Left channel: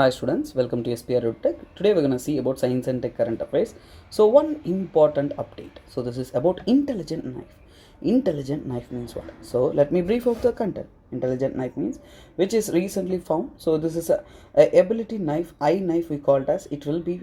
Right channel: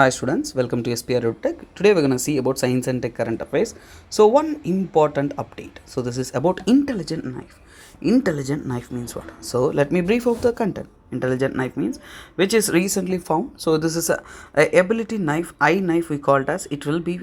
Hi students, welcome to SPRedutech. Today we're going to see about science and tech current affairs. So one important update. So this is about intelligent knife. Intelligent knife means what? So let me brief out the content. Intelligent knife means which is recently found. So this is a ability knife, eye knife we call it as. It will be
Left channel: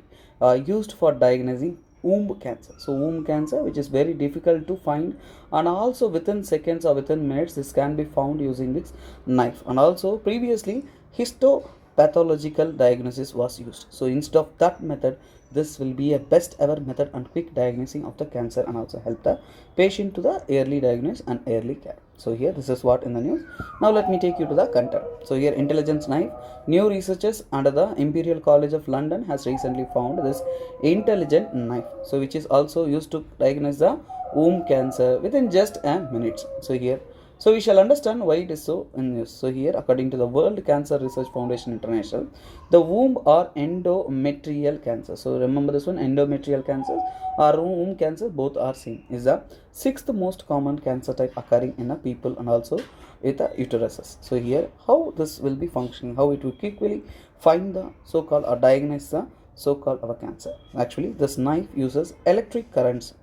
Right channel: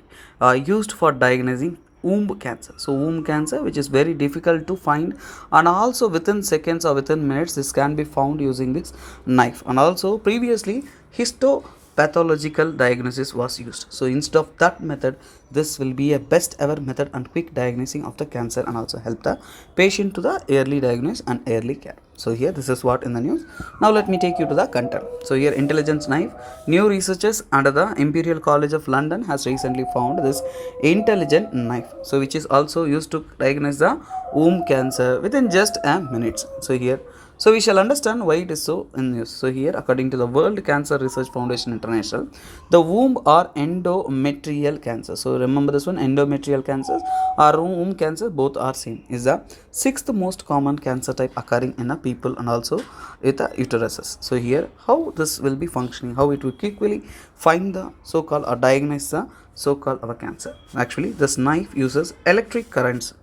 used for diagnosing womb cancer. So womb cancer, which is very difficult to find, and also within seconds or within minutes this can be found using this knife. And also previously histopathological diagnosis was used. So instead of that method, this will be a best ever method and quick diagnosing of the cancer, and also help the patient to the early diagnosis and early care. So here this is what in the news. Now let me take you to the content. So here intelligence knife, new researchers under the Imperial College of London has recently found this intelligent knife, so which is also used to diagnose the womb cancer within just a minute. So we shall understand why it is so in news. So here, according to the World Cancer Research Foundation International, the womb or endometrial cancer. So remember this one, endometrial cancers or womb cancer, both are same. Is the sixth most common cancer type occurring in a people and also with the uteruses. So here, how this will be functioning, how it will quickly find the so-called or diagnose the so-called our cancer. Actually, this knife uses electric currents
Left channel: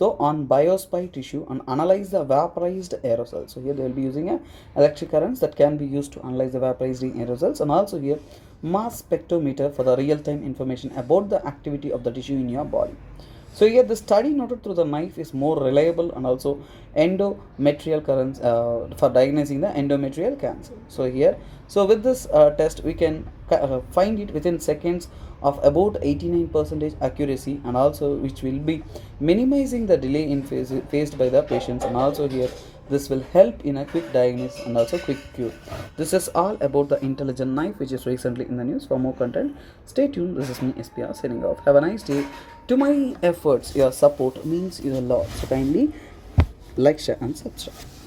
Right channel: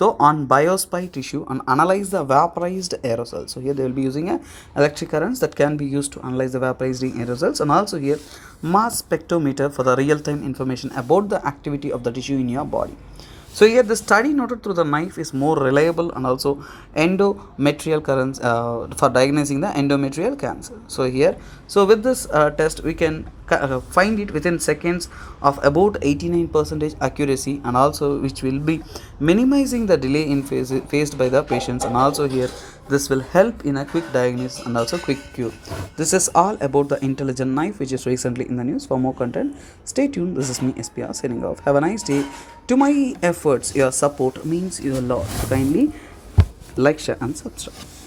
on biospy tissue and analyze the vaporized aerosols. So here they will be using a electric currents that can be used to analyze the vaporized aerosols, and also here mass spectrometer for the real-time information about the activity of the tissue in your body. So here the study noted through the knife is more reliable and also endometrial currents for diagnosing the endometrial cancer. So here, so with this test we can find it within seconds of about 89% accuracy, and also which will be minimizing the delay in faced by the patients, and also here this will help in a quick diagnosis and also quick cure. This is all about the intelligent knife which is recently in the news. For more content, stay tuned. This is me, SPR, signing off. Have a nice day. To my efforts, your support means your lot. So kindly like, share and subscribe.